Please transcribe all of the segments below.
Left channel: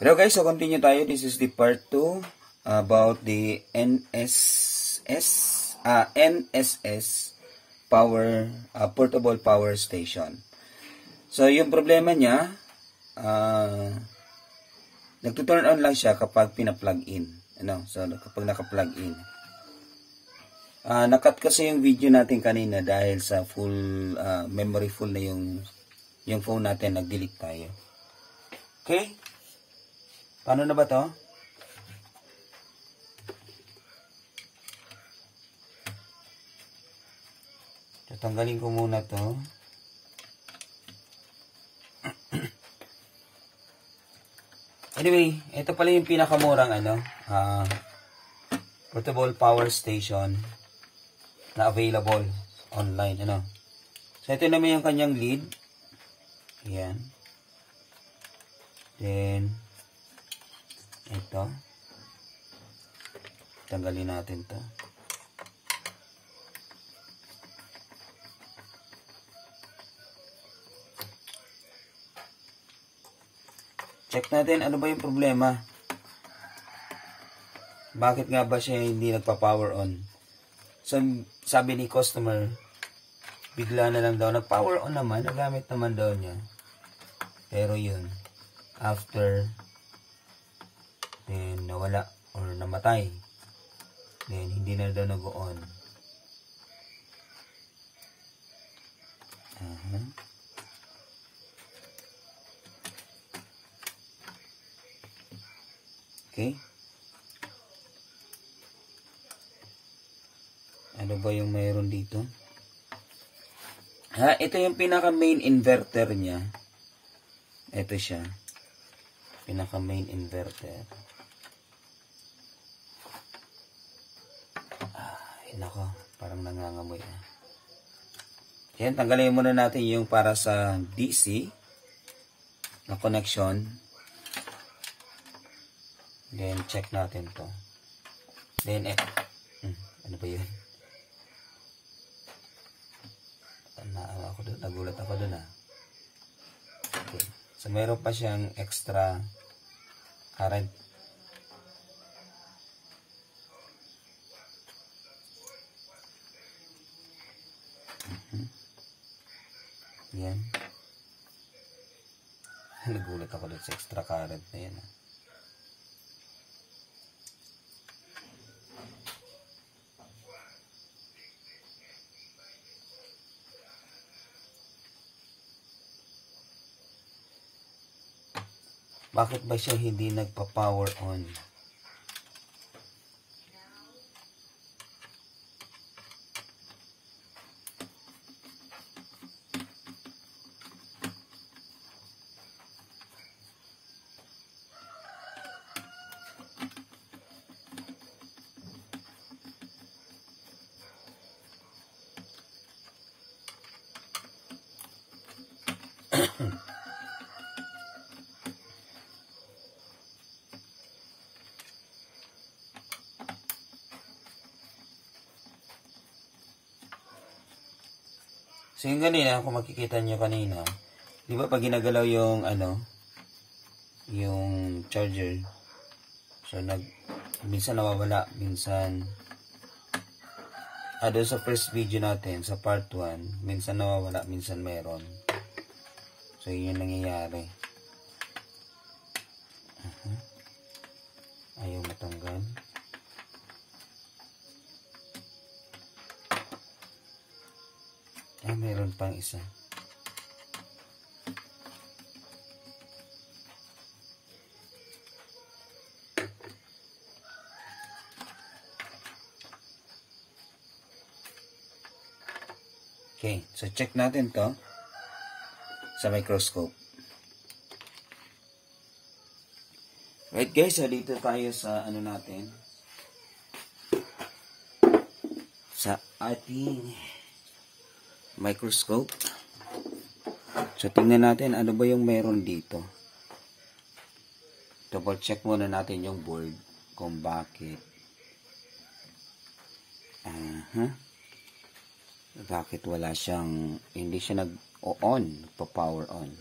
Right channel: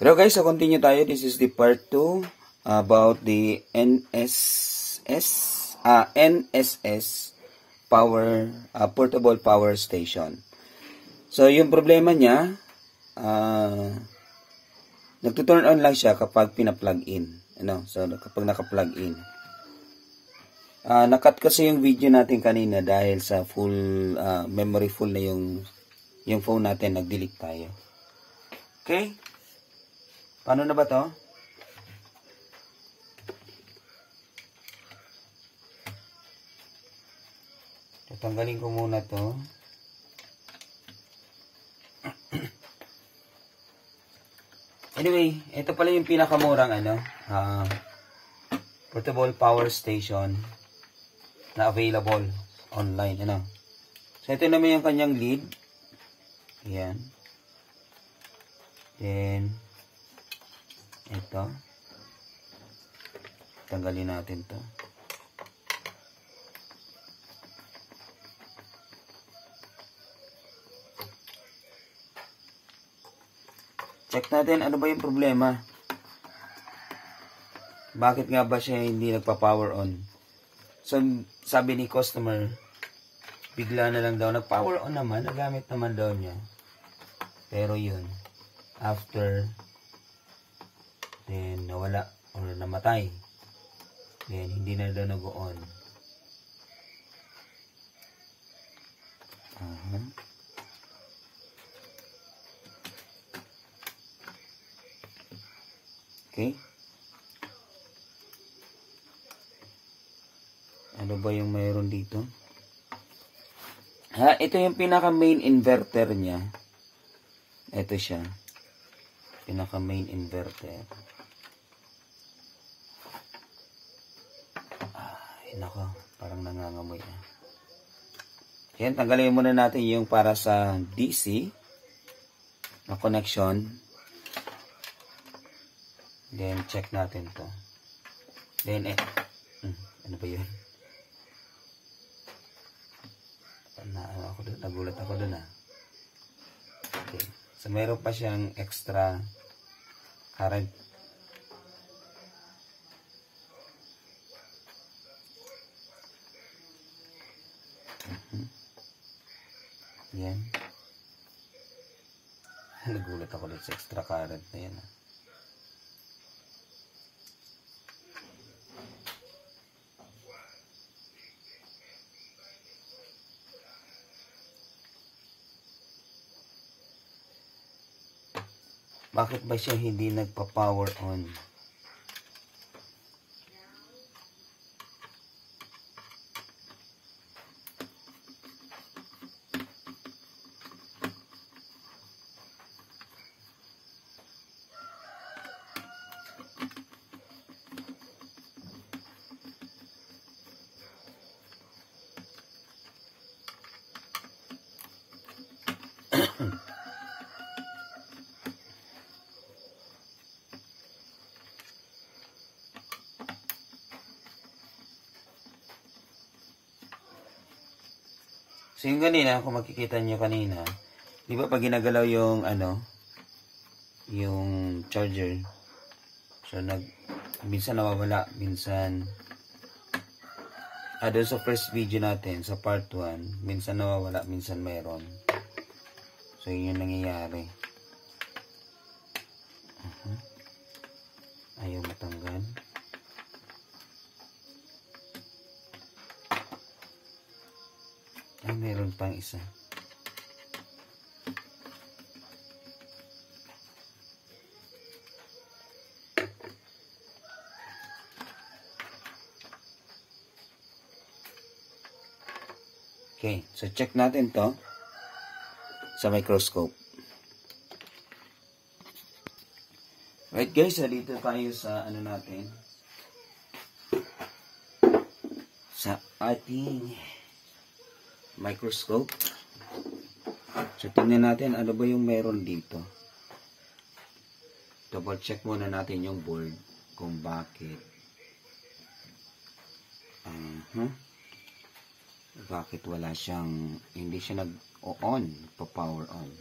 Hello guys, so continue tayo. This is the part 2 about the NSS power portable power station. So yung problema niya, nagto-turn on lang siya kapag pina-plug in. So kapag naka-plug in. Nakat kasi yung video natin kanina dahil sa full memory full na yung phone natin, nag-delete tayo. Okay? Paano na ba to? Tatanggalin ko muna to. Anyway, ito pala yung pinakamurang portable power station na available online. So ito naman yung kanyang lead. Ayan. Then ito. Tanggalin natin to. Check natin ano ba yung problema. Bakit nga ba siya hindi nagpa-power on? So, sabi ni customer, bigla na lang daw nag-power on naman, nagamit naman daw niya. Pero yun, after then nawala or namatay, then hindi na daw nag-on. Okay. Ano ba yung mayroon dito? Ito yung pinaka main inverter niya. Ito siya. Pinaka main inverter. Nako, parang nangangamoy. Yan, tanggalin muna natin yung para sa DC na connection. Then, check natin to. Then, ano ba yun? Nagulat ako dun Okay. So, mayroon pa siyang extra current. Yan. Nagulat ako dun sa extra current na yan. Bakit ba siya hindi nagpa-power on? So, yung kanina, kung makikita nyo kanina, di ba pag ginagalaw yung, yung charger, so, minsan nawawala, minsan, doon sa first video natin, sa part 1, minsan nawawala, minsan meron. So, yun yung nangyayari. Ayaw matanggal. Meron pang isa. Okay, so check natin to sa microscope. Right guys, so dito tayo sa natin. Sa ating microscope. So, tingnan natin ano ba yung meron dito. Double check muna natin yung board kung bakit. Bakit wala siyang, hindi siya nag-on, pa-power on.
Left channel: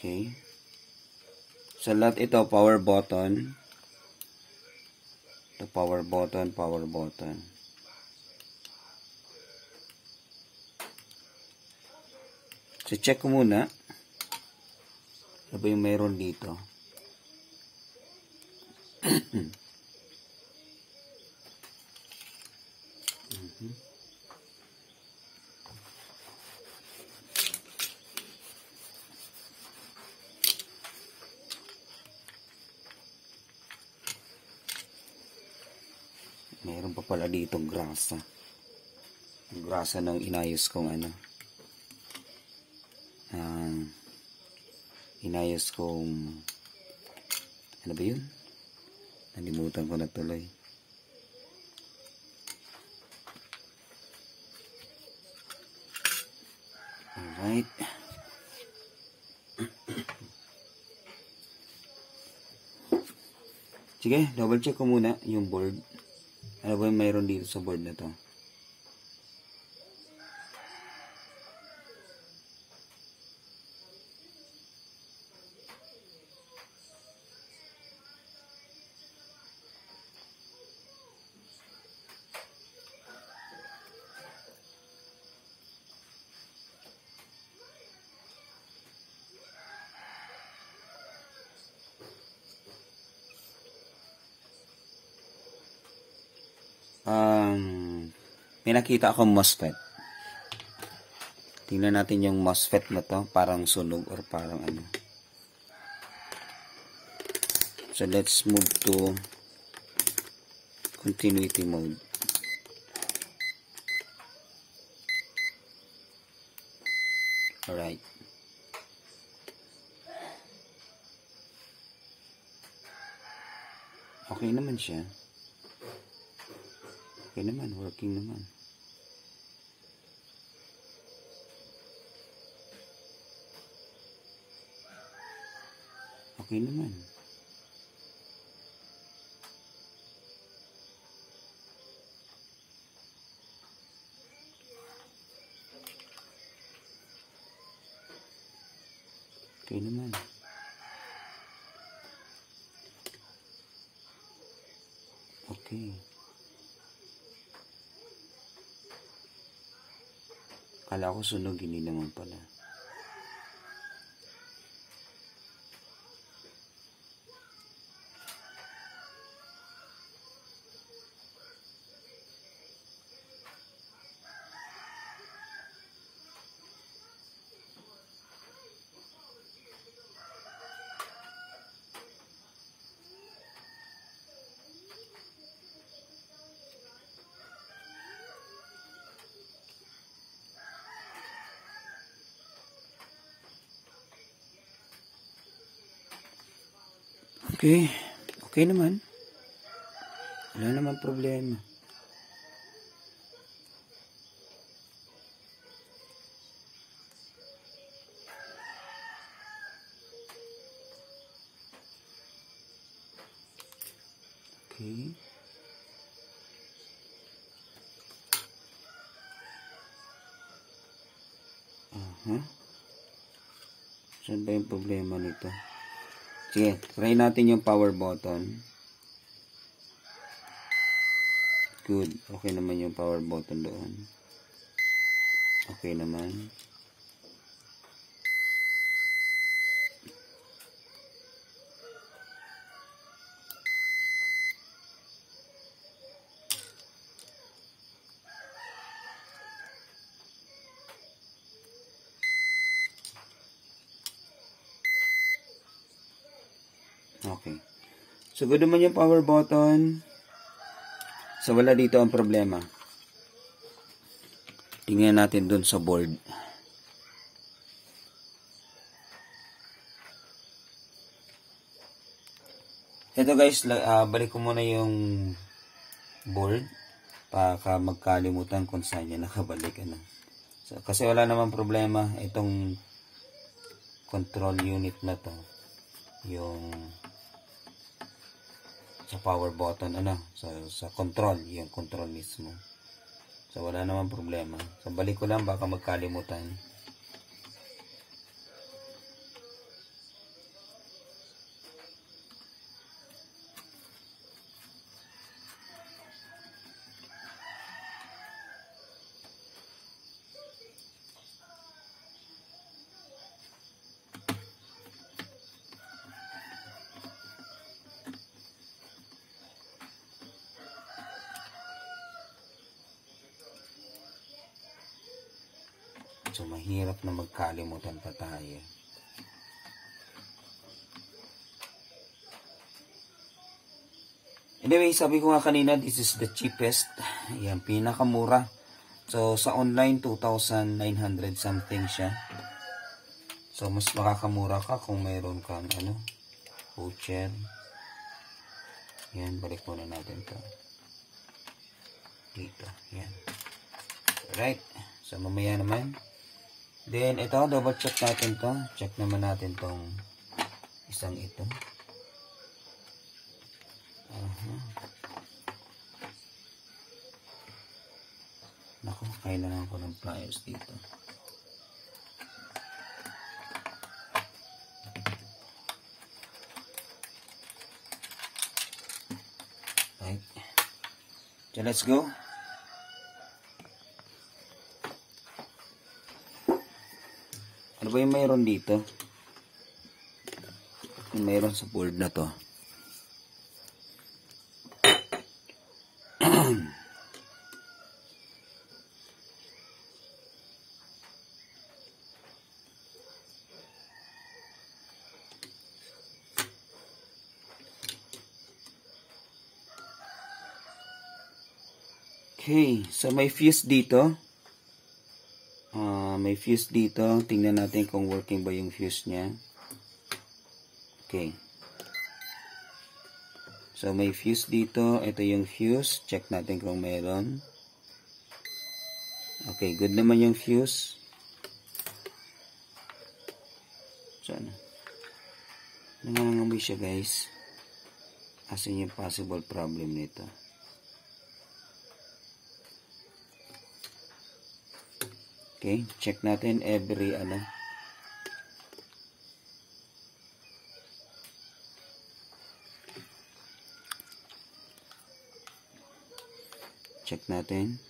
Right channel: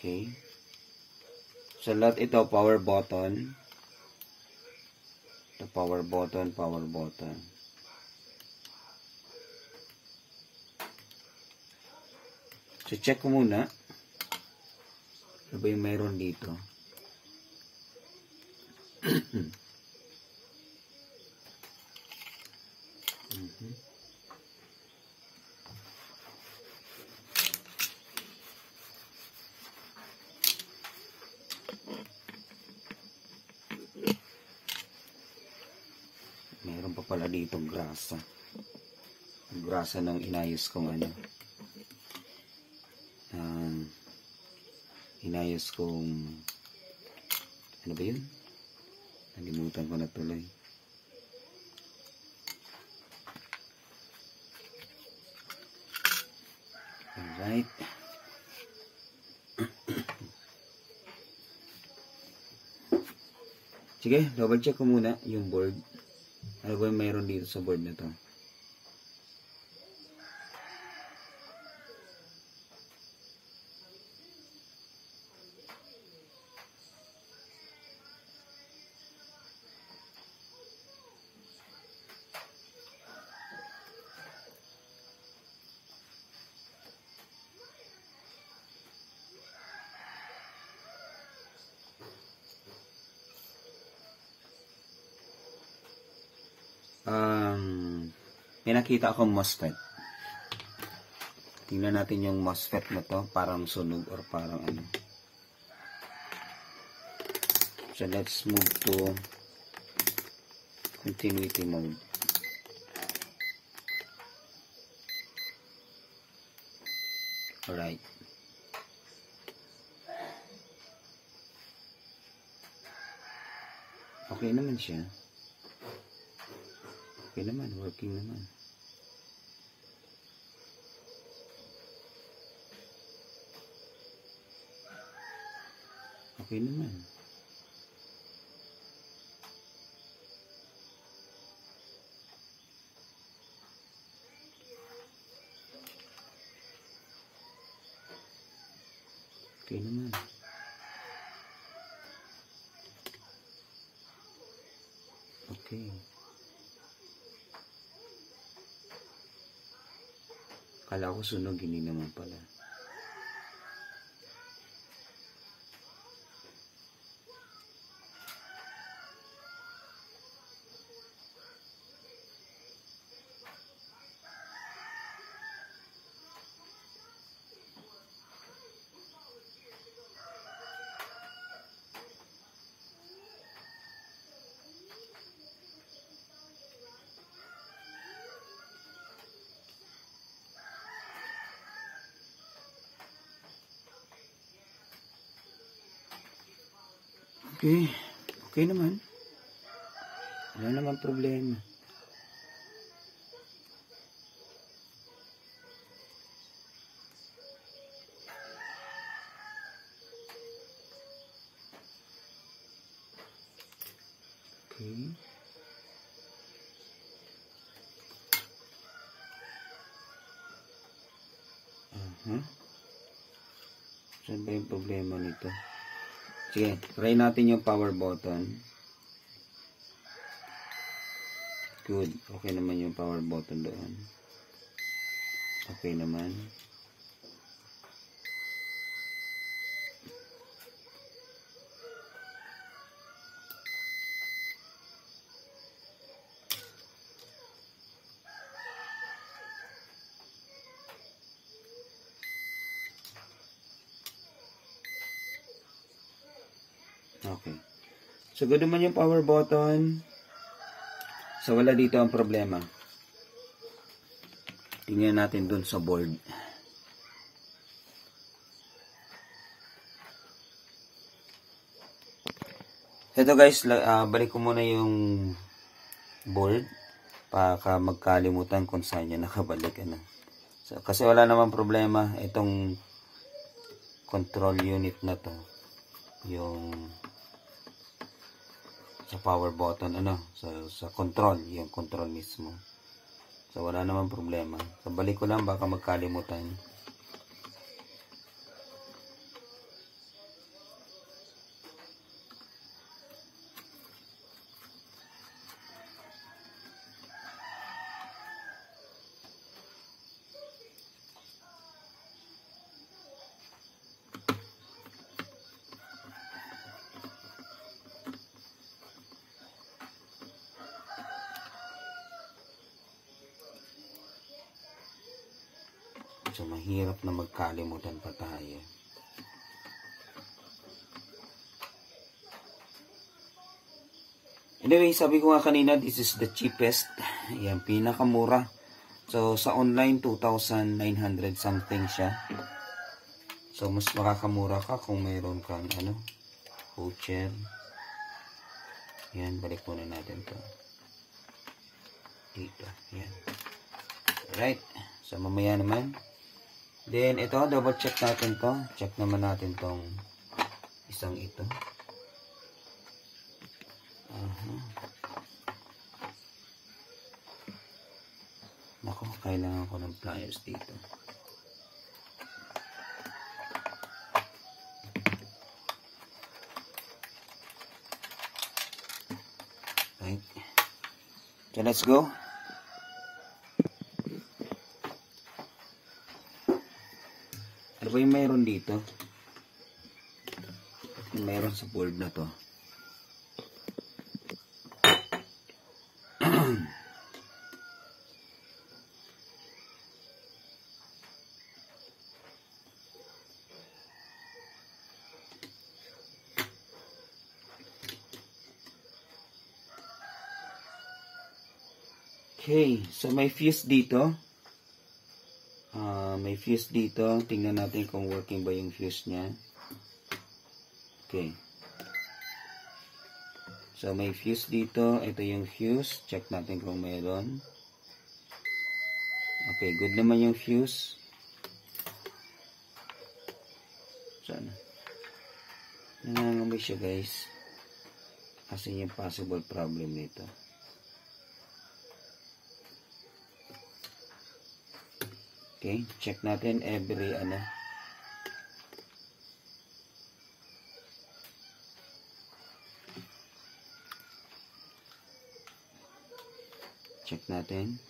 Okay. Sa lahat ito, power button. Ito, power button, power button. So, check ko muna. Ano ba yung mayroon dito? Meron pa pala dito grasa. Grasa ng inayos kong ano. Inayos kong ano ba yun? Nalimutan ko na tuloy. Alright. Sige, double check ko muna yung board. Ano ba yung mayroon dito sa board na to? May nakita akong MOSFET. Tingnan natin yung MOSFET na to. Parang sunog or parang ano. So, let's move to continuity mode. Alright. Okay naman siya. Okay naman, working naman. Okay naman. Okay naman. Okay. Kala ko sunog, hindi naman pala. Okay. Okay naman. Wala naman problema. Okay. Saan ba yung problema nito? Sige, try natin yung power button. Good. Okay naman yung power button doon. Okay naman. Okay. So, good naman yung power button. So, wala dito ang problema. Tingnan natin dun sa board. Ito guys, balik ko muna yung board. Baka magkalimutan kung saan niya nakabalik. Ano. So, kasi wala naman problema. Itong control unit na to. Yung sa power button, ano, sa control, yung control mismo. So, wala naman problema. So, balik ko lang, baka magkalimutan. So, mahirap na magkalimutan pa tayo. Anyway, sabi ko nga kanina, this is the cheapest. Yan, pinakamura. So, sa online, 2,900 something siya. So, mas makakamura ka kung mayroon kang, voucher. Yan, balik muna natin to. Dito, yan. Alright. So, mamaya naman. Then, ito, double check natin to. Check naman natin tong isang ito. Naku, kailangan ko ng pliers dito. Right. So, let's go. Ano ba yung mayroon dito? Yung mayroon sa board na to. Okay, so may fuse dito. May fuse dito. Tingnan natin kung working ba yung fuse niya. Okay. So may fuse dito. Ito yung fuse. Check natin kung mayroon. Okay, good naman yung fuse. Sana. Nangangamoy siya, guys. Kasi yung possible problem nito. Okay, check natin every check natin.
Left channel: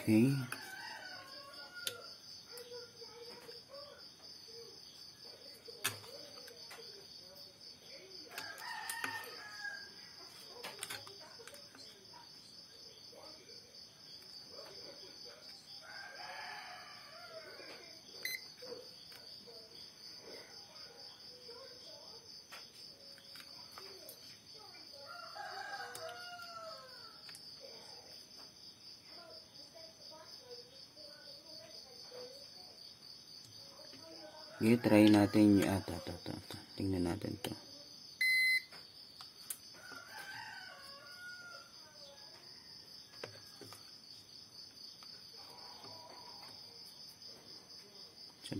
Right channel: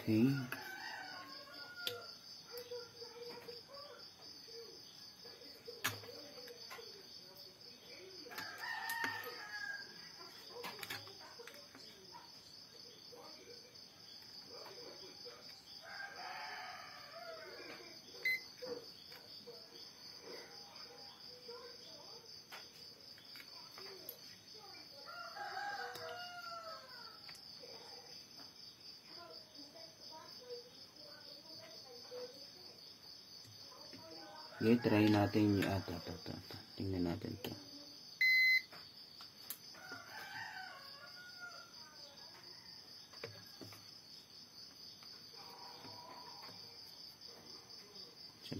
Okay. Okay, try natin yung ito. Tingnan natin to.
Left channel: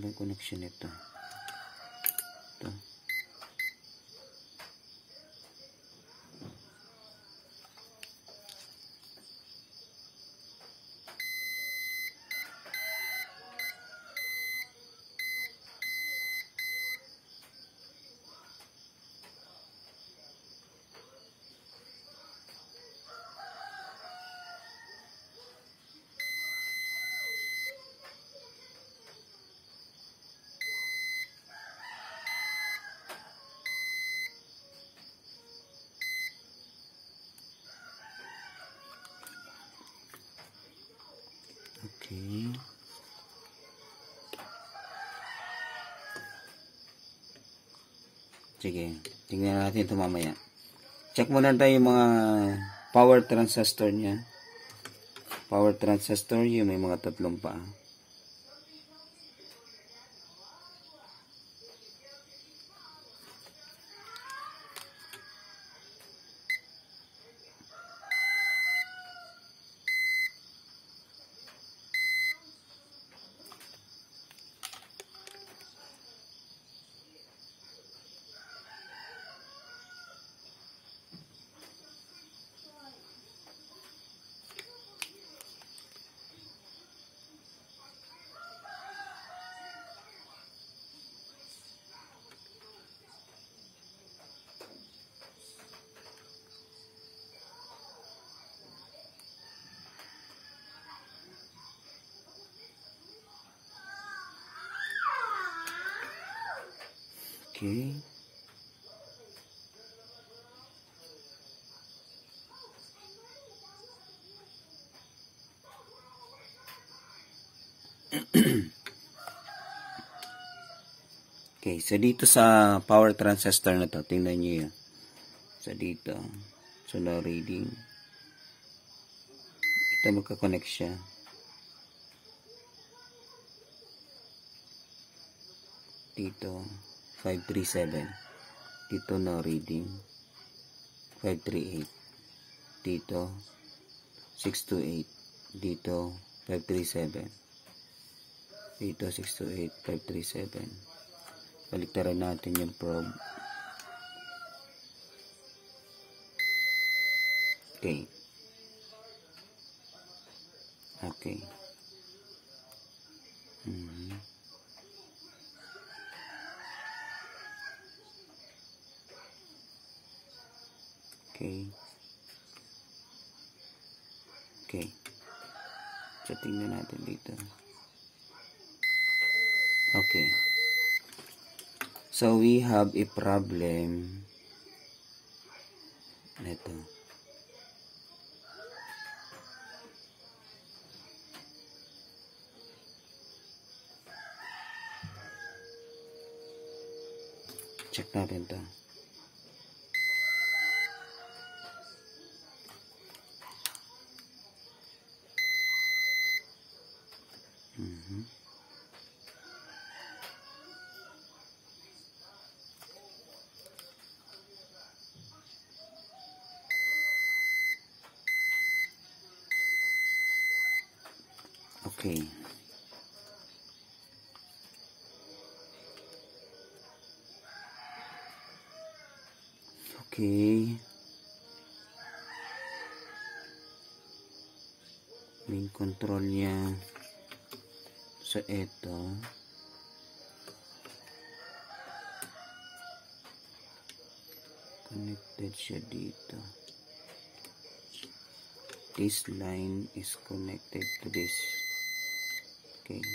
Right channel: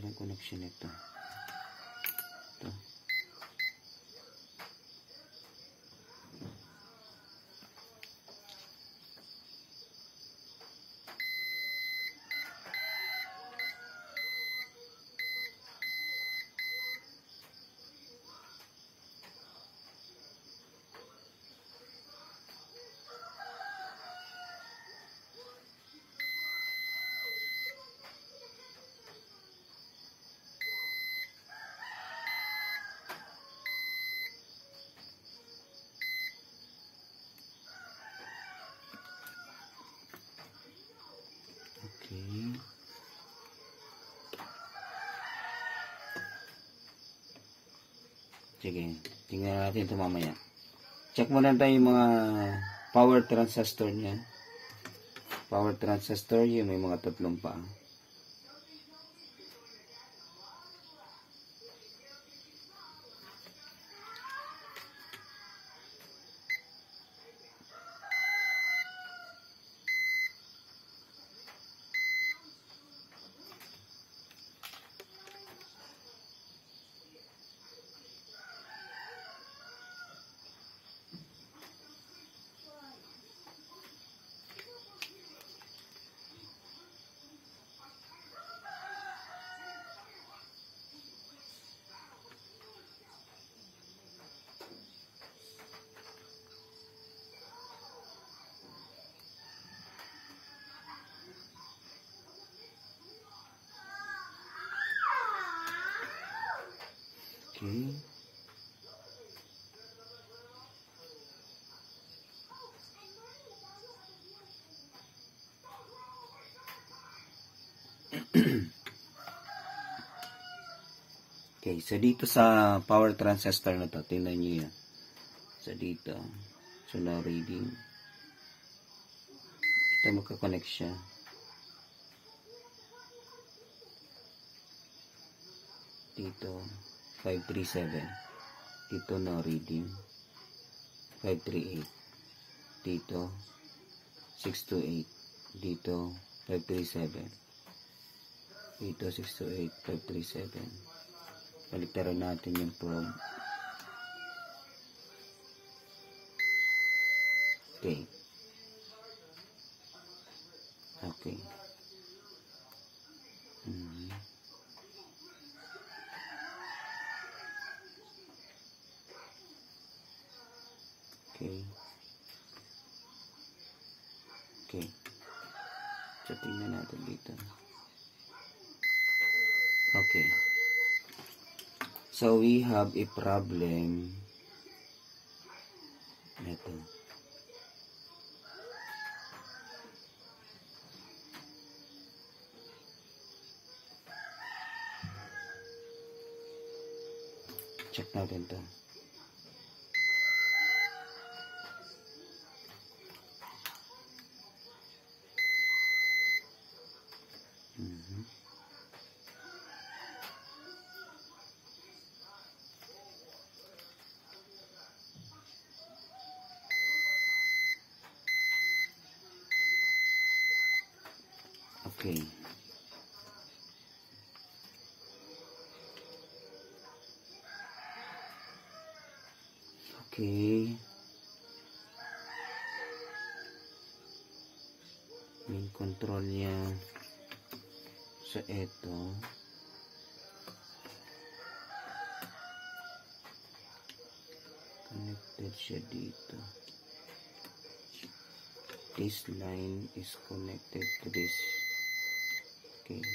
may connection ito. Ito. Okay. Sige, tingnan natin ito mamaya. Check muna tayo yung mga power transistor niya. Power transistor, yung may mga tatlong pa. Okay. Okay, so dito sa power transistor na to, tingnan nyo yun. So dito, so no reading. Ito magkakonect siya. Dito, 537. Dito no reading. 538. Dito, 628. Dito, 537. Dito, 628, 537. Baliktaran natin yung probe. Okay. Okay. Okay. Okay. So, tingnan natin dito. Okay. So, we have a problem. Ito. Check natin to. Okay. Okay. Main control niya sa ito. Connected siya dito. This line is connected to this. Okay.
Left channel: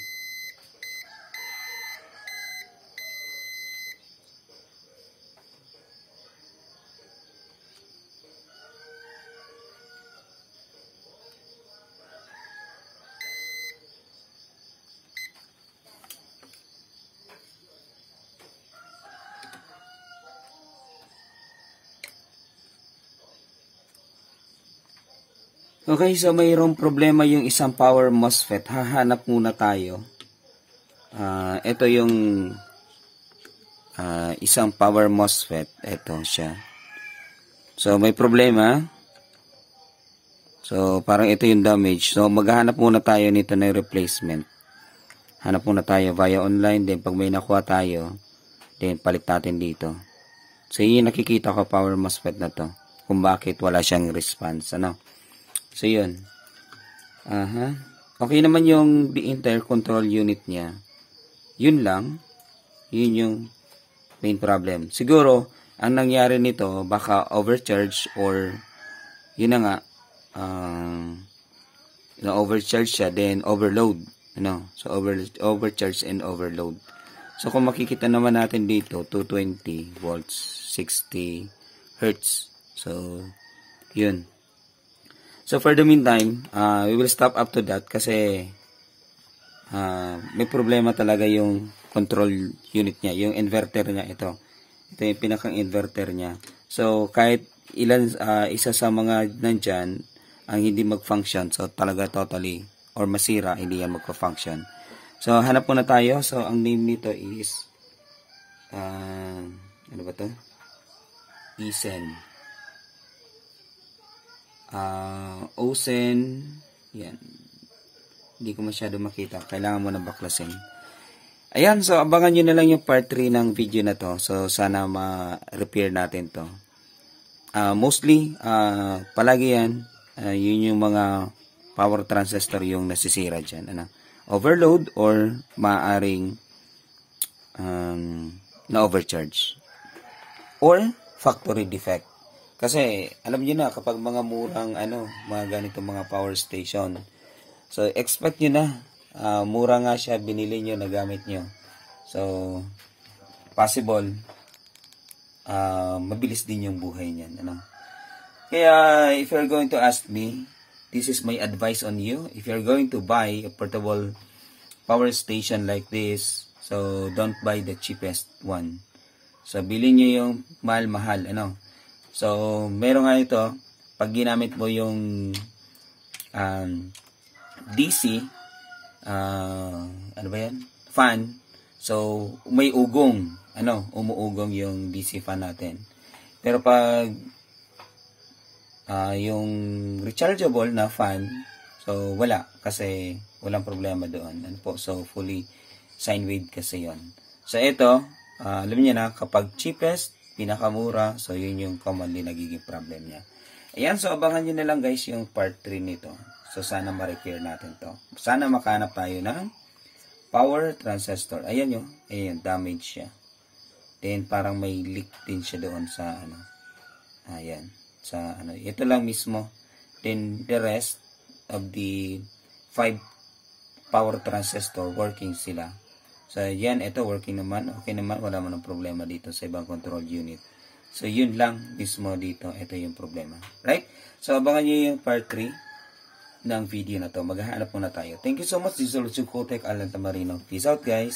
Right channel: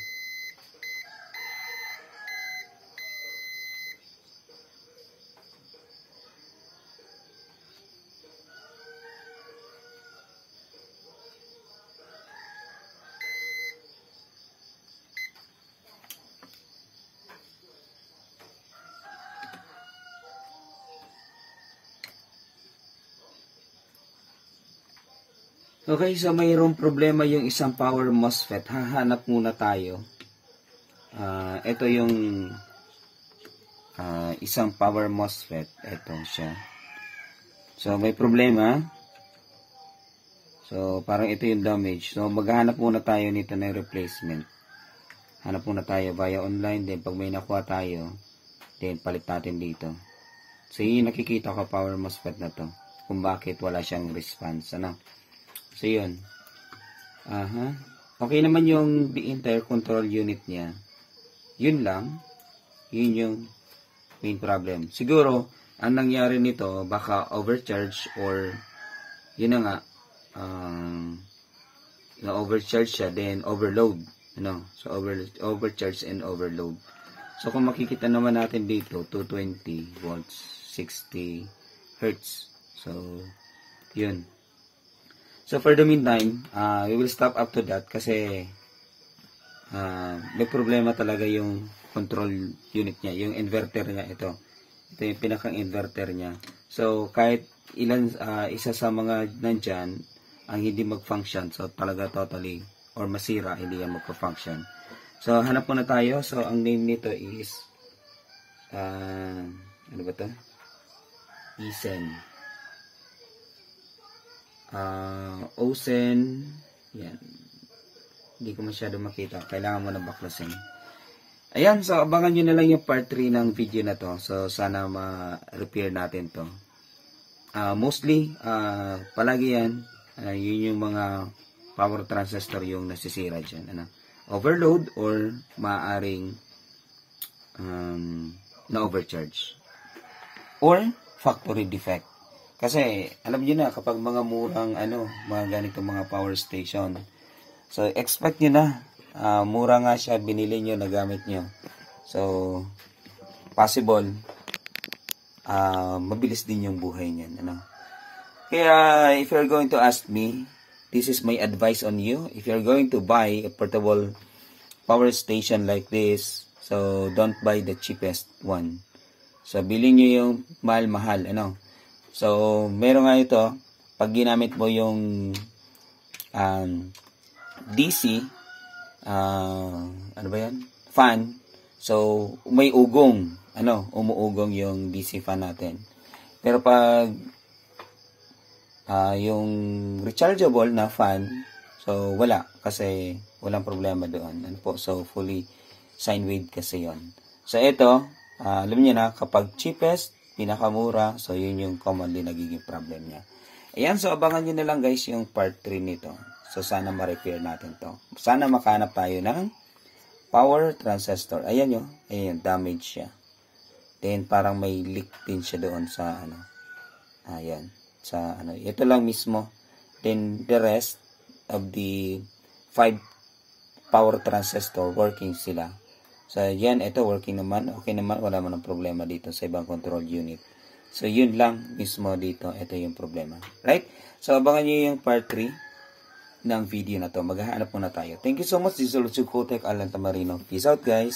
Okay, so mayroong problema yung isang power MOSFET. Hahanap muna tayo. Ito yung isang power MOSFET. Ito siya. So, may problema. So, parang ito yung damage. So, maghahanap muna tayo nito ng replacement. hanap muna tayo via online, then pag may nakuha tayo, then palit natin dito. So yun nakikita ko power MOSFET na to, kung bakit wala siyang response, ano. So yun, okay naman yung the entire control unit niya. Yun lang, yun yung main problem. Siguro ang nangyari nito, baka overcharge, or yun na nga, na overcharge siya, then overload, ano. So overcharge and overload. So kung makikita naman natin dito, 220 volts, 60 hertz. So yun. So for the meantime, we will stop up to that kasi may problema talaga yung control unit niya, yung inverter niya. Ito yung pinakang inverter niya. So kahit isa sa mga nandyan ang hindi mag-function, so talaga totally or masira, hindi yan magpa-function. So hanap muna tayo. So ang name nito is ano ba to? Isen. Osen. Yan. Hindi ko masyado makita. Kailangan mo na baklasin. Ayan. So abangan nyo na lang yung part 3 ng video na to. So sana ma-repair natin to. Mostly, palagi yan. Yun yung mga power transistor yung nasisira dyan. Ano? Overload or maaring na overcharge. Or factory defect. Kasi alam niyo na kapag mga murang mga ganitong mga power station, so expect niyo na mura nga siya, binili niyo, nagamit niyo. So possible mabilis din yung buhay niyan, ano. Kaya if you're going to ask me, this is my advice on you. If you're going to buy a portable power station like this, so don't buy the cheapest one. So, bilhin nyo yung mahal-mahal, ano. So, meron nga ito, pag ginamit mo yung DC, ano ba yan? Fan. So, may ugong, umuugong yung DC fan natin. Pero pag yung rechargeable na fan, so wala, kasi walang problema doon. Ano po? So, fully sine wave kasi yon. So, ito, alam niyo na, kapag cheapest, pinakamura, so yun yung commonly nagiging problem niya. Ayan, so abangan nyo na lang guys yung part 3 nito. So sana ma-repair natin to. Sana makahanap tayo ng power transistor. Ayan yun, ayan, damage siya. Then parang may leak din siya doon sa ayan, sa ito lang mismo. Then the rest of the 5 power transistor working sila. So, yan, ito working naman. Okay naman, wala man ng problema dito sa ibang control unit. So, yun lang mismo dito. Ito yung problema. Right? So, abangan nyo yung part 3 ng video na to. Maghahanap muna tayo. Thank you so much. This is Lucio Cotec, Alan Tamarino. Peace out, guys.